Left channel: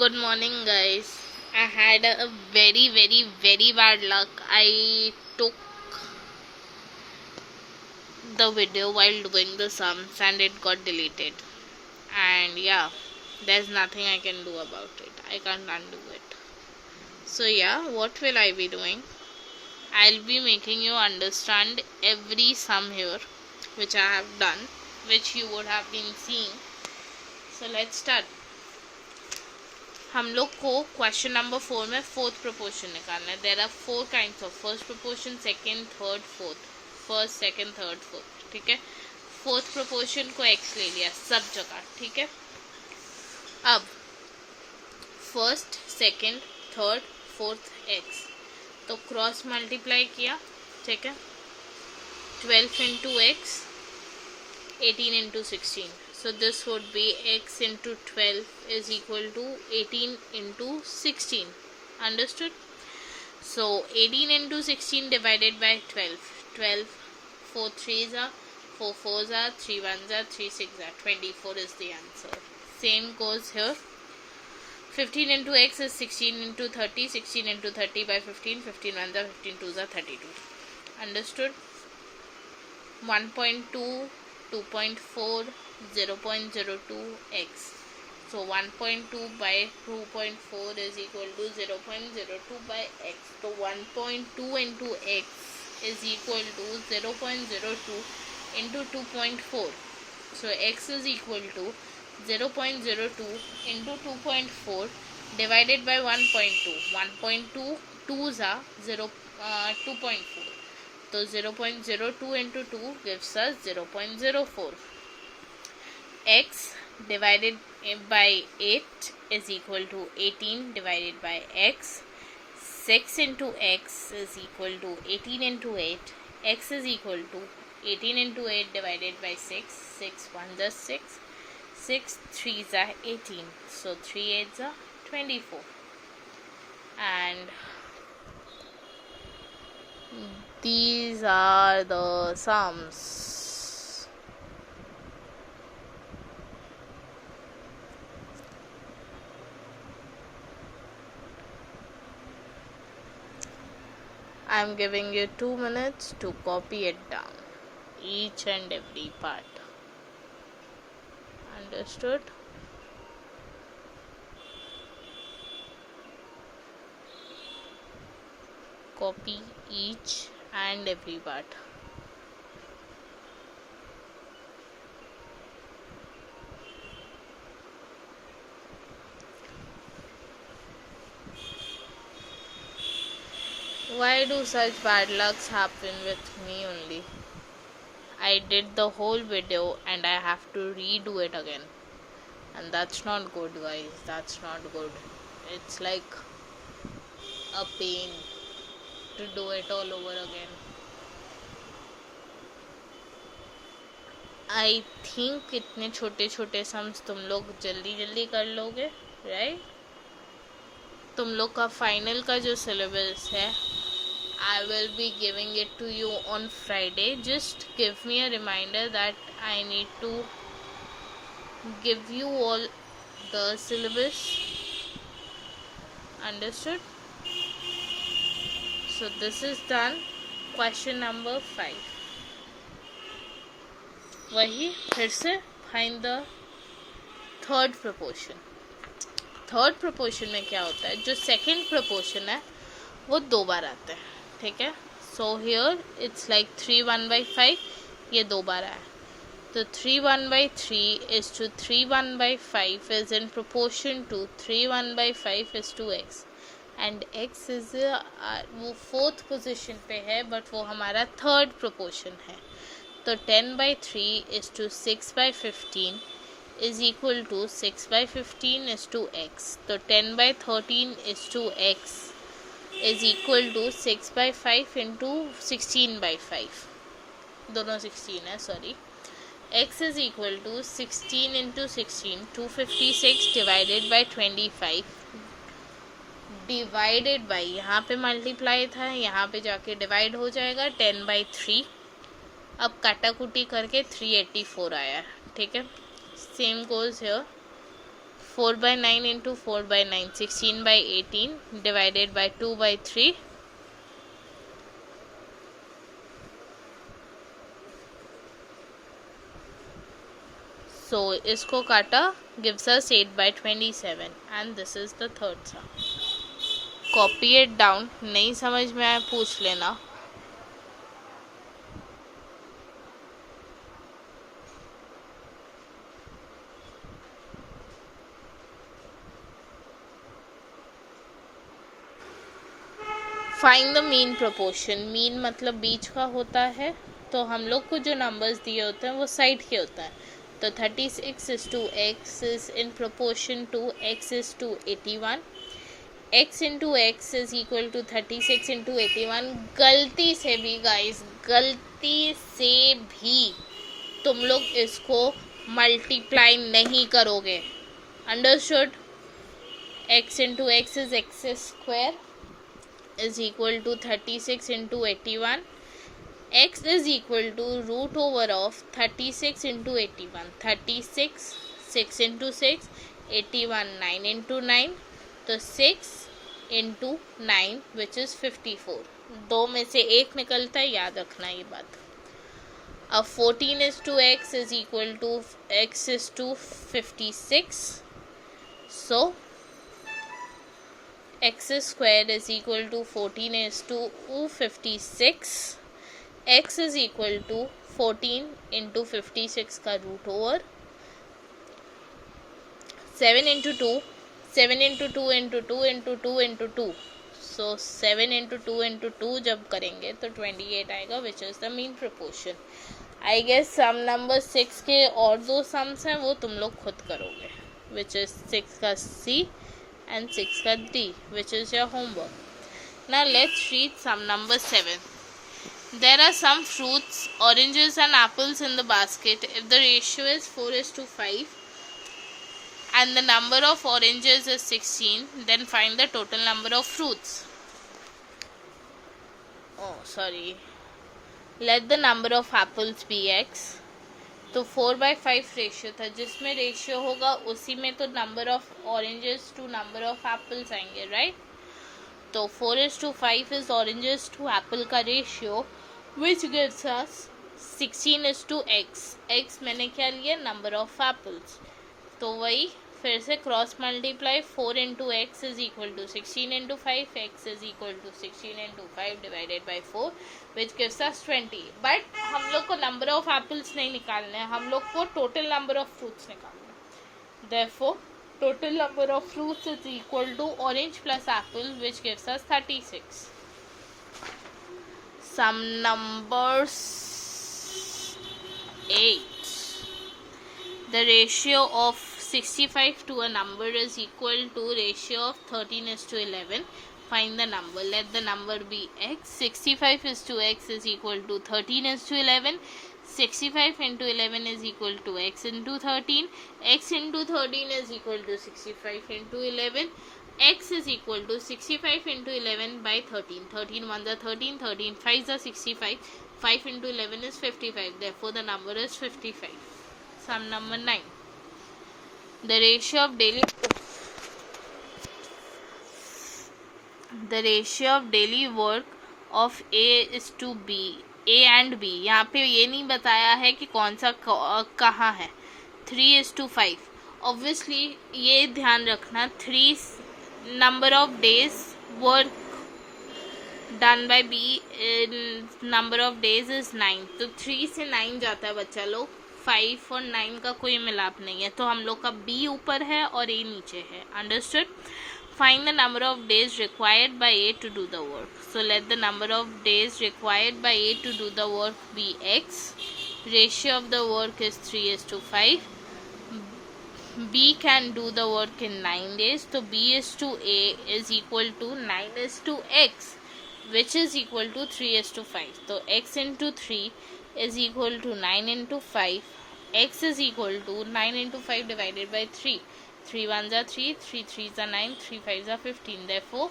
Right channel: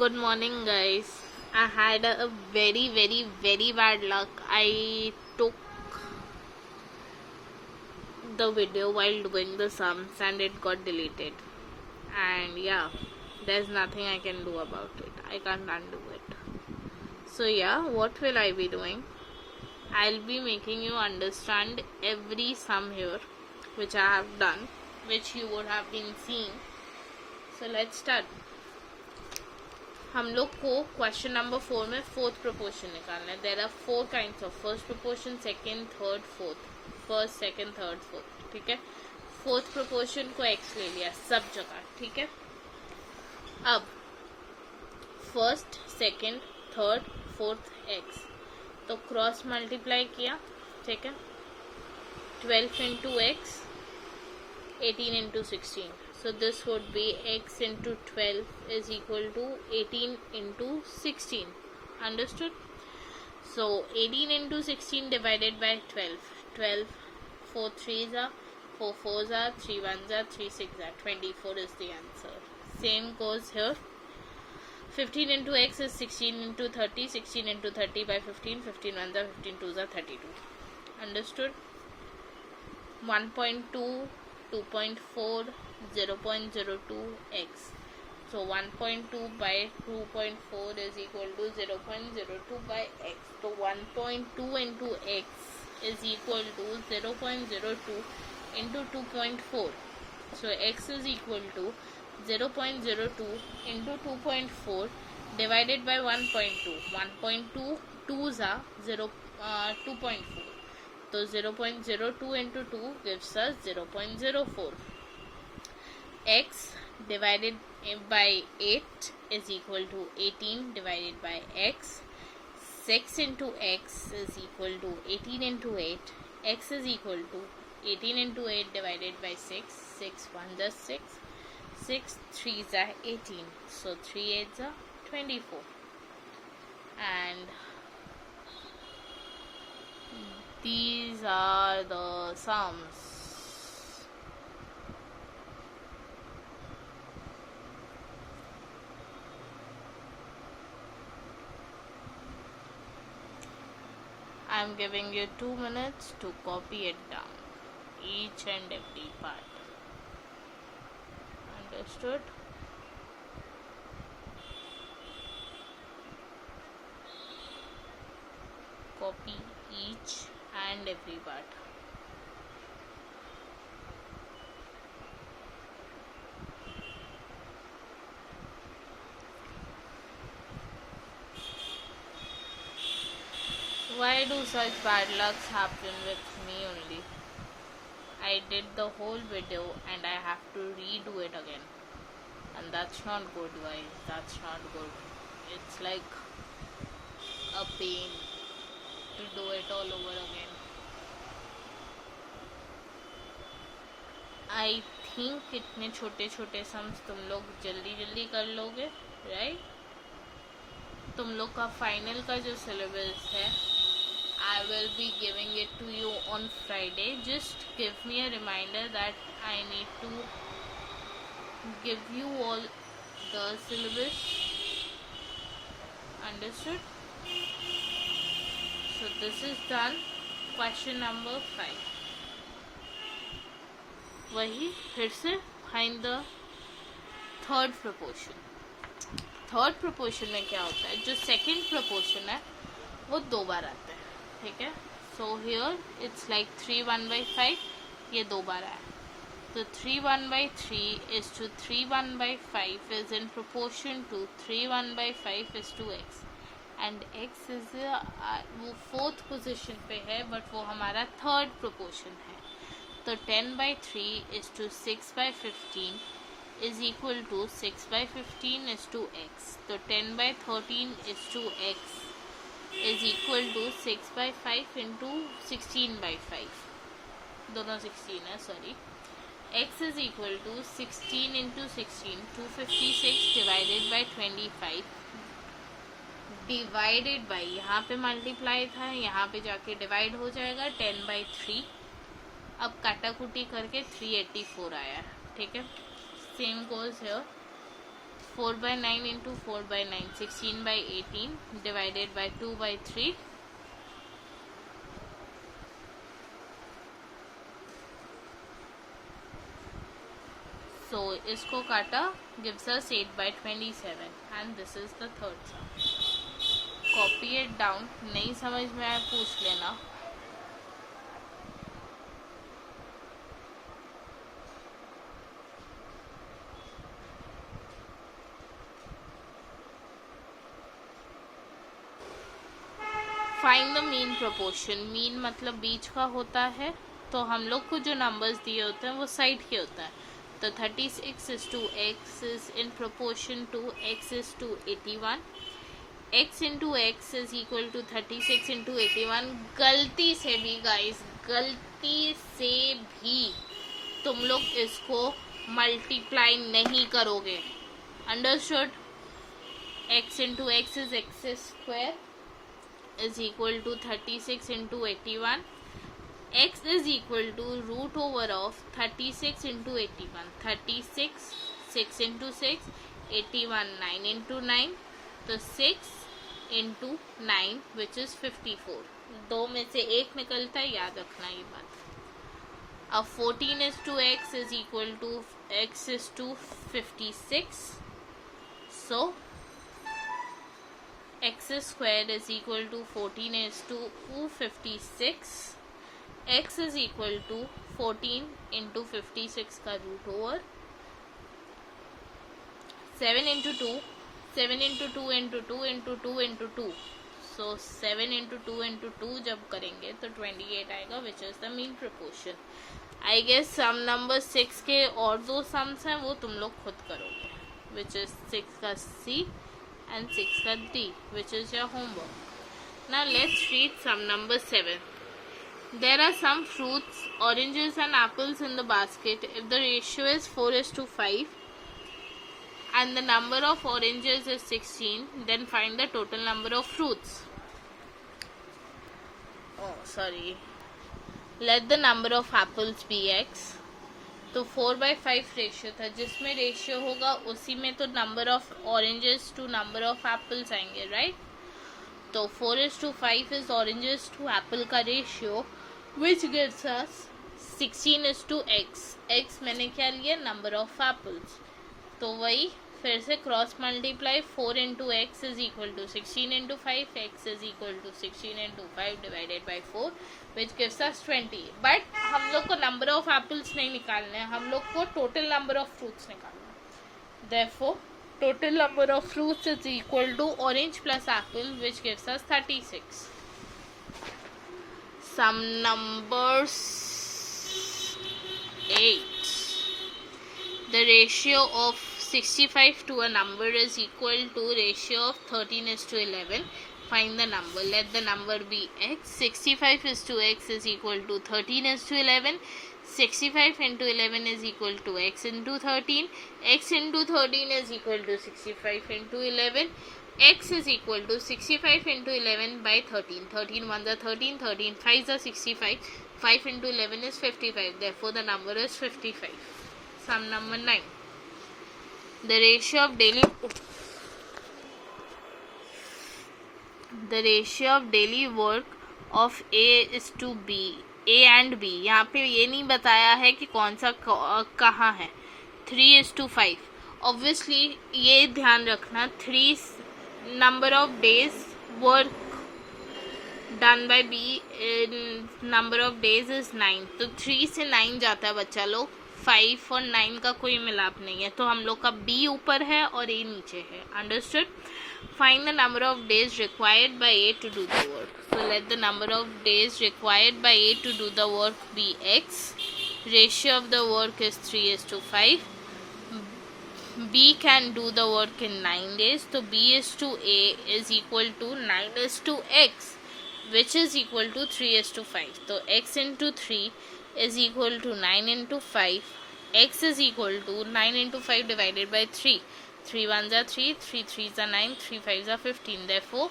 Good morning, guys. I had a very bad luck. I took the video while doing the sums and it got deleted. And yeah, there's nothing I can do about it. I can't undo it. So, yeah, what will I be doing? I'll be making you understand every sum here, which I have done, which you would have been seeing. So, let's start. हम लोग को question number 4 में fourth proportion निकालना है. There are 4 kinds of first proportion, second, third, fourth. First, second, third, fourth. ठीक है. Fourth proportion को x ले लिया सब जगह. ठीक है. अब first, second, third, fourth x, तो क्रॉस मल्टीप्लाई किया. ठीक है. 12 into x, 18 into 16. So this would be x into 12 is equal to 18 into 16. Understood? So 18 into 16 divided by 12. 12, 4 3s are, 4 4s are, 3 1s are, 3 6 are. 24 is the answer. Same goes here. 15 into x is 16 into 30. 16 into 30 by 15. 15 1s are, 15 2s are, 32. Understood? 1.2, 2.4, 0.02x. So 1.2 by 2.4 is equal to 0.02 by x. So 1.2 into x is equal to 0.02 into 2.4. So x is equal to 0.02 into 2.4 divided by 1.2. 1.2 2s are 2.4. So 0.02 into 2 gives us 0.04. X divided by 8 is equal to 18 divided by x. 6 into x is equal to 18 into 8. X is equal to 18 into 8 divided by 6. 6 1s are 6. 6 3s are 18. So 3 8s are 24. And these are the sums. I'm giving you 2 minutes to copy it down, each and every part. Understood? Copy each and every part. Why do such bad lucks happen with me only? I did the whole video and I have to redo it again. And that's not good, guys. That's not good. It's like a pain to do it all over again. I think इतने छोटे छोटे sums तुम लोग जल्दी जल्दी कर लोगे, right? तुम लोग का फाइनल का जो सिलेबस है, I will be giving it to you on Friday. Just give me a reminder that I need to give you all the syllabus. Understood? So this is done. Question number 5. वही फिर से find the third proportion. Third proportion में क्या होता है, जो second proportion है वो 2 बार आता है. ठीक है. So here it's like 3 1 by 5. ये 2 बार आया. तो 3 1 by 3 is to 3 1 by 5 is in proportion to 3 1 by 5 is to x. And x is वो फोर्थ पोजिशन पे है, बट वो हमारा थर्ड प्रोपोर्शन है. तो 10 by 3 is to 6 by 15 is equal to 6 by 15 is to x. तो 10 by 13 is to x is equal to 6 by 5 into 16 by 5. दोनों 16 है, sorry. x is equal to 16 into 16, 256 divided by 25 divided by, यहाँ पे multiply था, यहाँ पे जाके divide हो जाएगा 10 by 3. अब काटाकुटी करके 384 आया है. ठीक है. Same goes here. 4 by 9 into 4 by 9, 16 by 18 divided by 2 by 3. So इसको काटा gives us 8 by 27 and this is the third sum. Copy it down. नहीं समझ में आया पूछ लेना. Find the mean proportion. Mean मतलब बीच का होता है, तो हम लोग को जो नंबर्स दिए होते हैं वो साइड के होता है. तो 36 is to x is in proportion to x is to 81. x into x is equal to 36 into 81. गलती से भी गाइस, गलती से भी तुम लोग इसको मल्टीप्लाई नहीं करोगे. Understood. x into x is x square is equal to 36 into 81. X is equal to root over of 36 into 81. 36, 6 into 6, 81, 9 into 9. तो 6 into 9 which is 54. दो में से एक निकलता है, याद रखना ये बात. अब 14 is to x is equal to x is to 56. So x square is equal to 14 is to 56. x is equal to 14 into 56 का root over 7 into 2, 7 into 2 into 2 into 2 into 2. So 7 into 2 into 2 जब करेंगे तो 28 आएगा which is the mean proportion. I guess some number 6 के और दो sums हैं वो तुम लोग खुद करोगे which is 6 का C and 6 ka D, which is your homework. Now let's read sum number 7. There are some fruits, oranges and apples in the basket. If the ratio is 4 is to 5 and the number of oranges is 16, then find the total number of fruits. Oh, sorry. Let the number of apples be x. तो 4/5 ratio था, जिसमें ratio होगा उसी में तो number of oranges to number of apples आएंगे, right. तो 4:5 is oranges to apple का ratio which gives us 16 is to x. x मैंने क्या लिया, नंबर ऑफ एप्पल्स. तो वही फिर से cross multiply. 4 into x is equal to 16 into 5. x is equal to 16 into 5 divided by 4 which gives us 20. But हम लोग को नंबर ऑफ एप्पल्स नहीं निकालने हैं, हम लोग को टोटल नंबर ऑफ फ्रूट्स निकालना है. Therefore total number of fruits is equal to orange plus apple which gives us 36. Some number 8. The ratio of 65 to a number is equal to ratio of 13 is to 11. Find the number. Let the number be x. 65 is to x is equal to 13 is to 11. 65 into 11 is equal to x into 13. X into 13 is equal to 65 into 11. X is equal to 65 into 11 by 13. 13 1s are 13. 13 5s are 65. 5 into 11 is 55. Therefore, the number is 55. Sum number 9. The ratio of daily work of A is to B. A and B. यहाँ पे ये नहीं बताया है कि कौन सा कहाँ है. 3 is to 5. Obviously ये ध्यान रखना, 3 number of days work done by B number of days is 9. तो 3 से 9 जाता है बच्चा लोग. 5 और 9 का कोई मिलाप नहीं है, तो हम लोग का B ऊपर है और A नीचे है. Understood. Find the number of days required by A to do the work. So let the number of days required by A to do the work be x. Ratio of the work is 3 is to 5. B can do the work in 9 days. So B is to A is equal to 9 is to x, which is equal to 3 is to 5. So x into 3 is equal to 9 into 5. X is equal to 9 into 5 divided by 3. 3 1s are 3, 3 3s are 9, 3 5s are 15. Therefore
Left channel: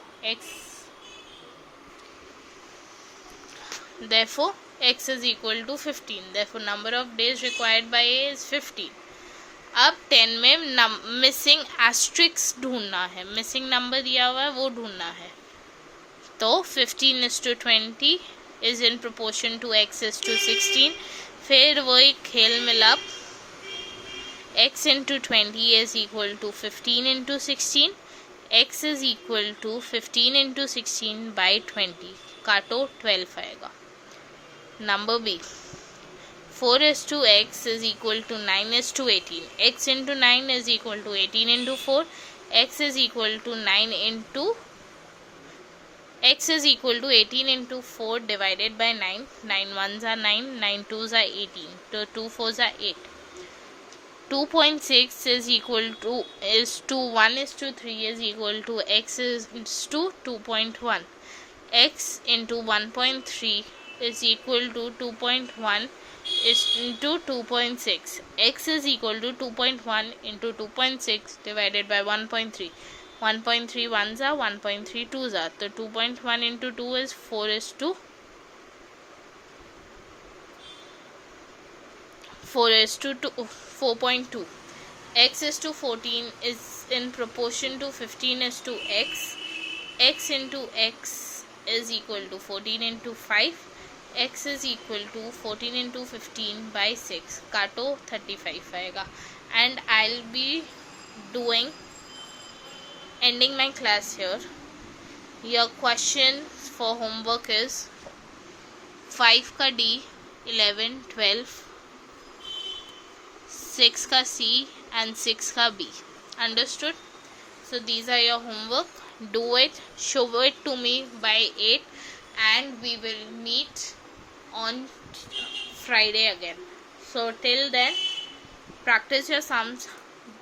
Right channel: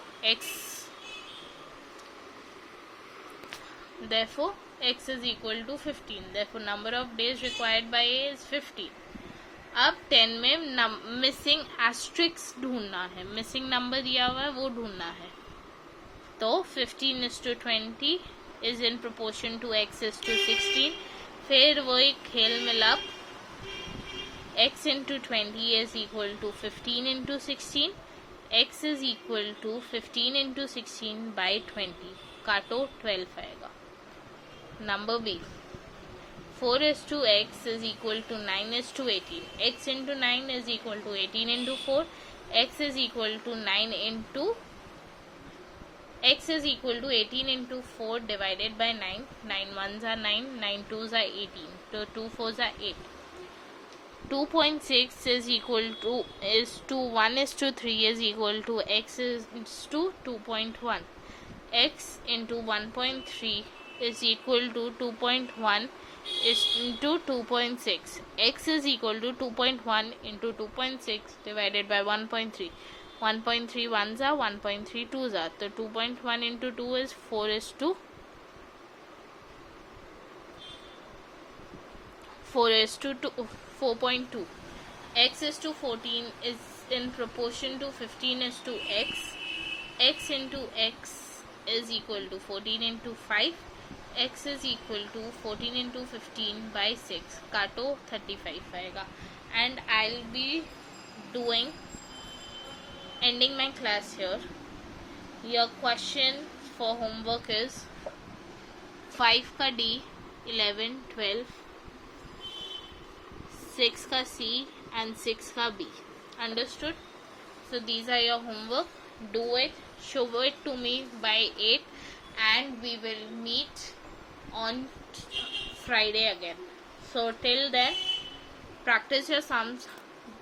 x is equal to 15. Therefore number of days required by A is 15. अब 10 में missing asterisk ढूंढना है, missing number दिया हुआ है वो ढूंढना है। तो 15:20 is in proportion to x is to 16। फिर वही खेल मिलाप, x into 20 is equal to 15 into 16, x is equal to 15 into 16 by 20, काटो 12 आएगा। Number B, 4 is to x is equal to 9 is to 18, x into 9 is equal to 18 into 4, x is equal to 9 into x is equal to 18 into 4 divided by 9, 9 ones are 9, 9 twos are 18, so 2 fours are 8. 2.6 is equal to 1 is to 3 is equal to x is to 2.1, x into 1.3 is equal to 2.1 is into 2.6, x is equal to 2.1 into 2.6 divided by 1.3, 1.3 ones are 1.3 twos are, so 2.1 into 2 is 4 is to 4.2, x is to 14 is in proportion to 15 is to x, x into x is equal to 14 into 5, x is equal to 14 into 15 by 6, काटो 35 आएगा। And I'll be doing ending my class here. Your question for homework is 5 का D, 11, 12, 6 का C and 6 का B. Understood? So these are your homework. Do it, show it to me by 8, and we will meet on Friday again. So till then, practice your sums,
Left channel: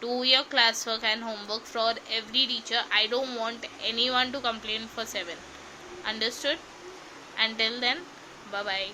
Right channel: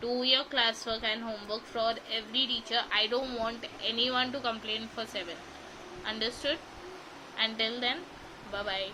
do your classwork and homework for every teacher. I don't want anyone to complain for 7. Understood? Until then, bye bye.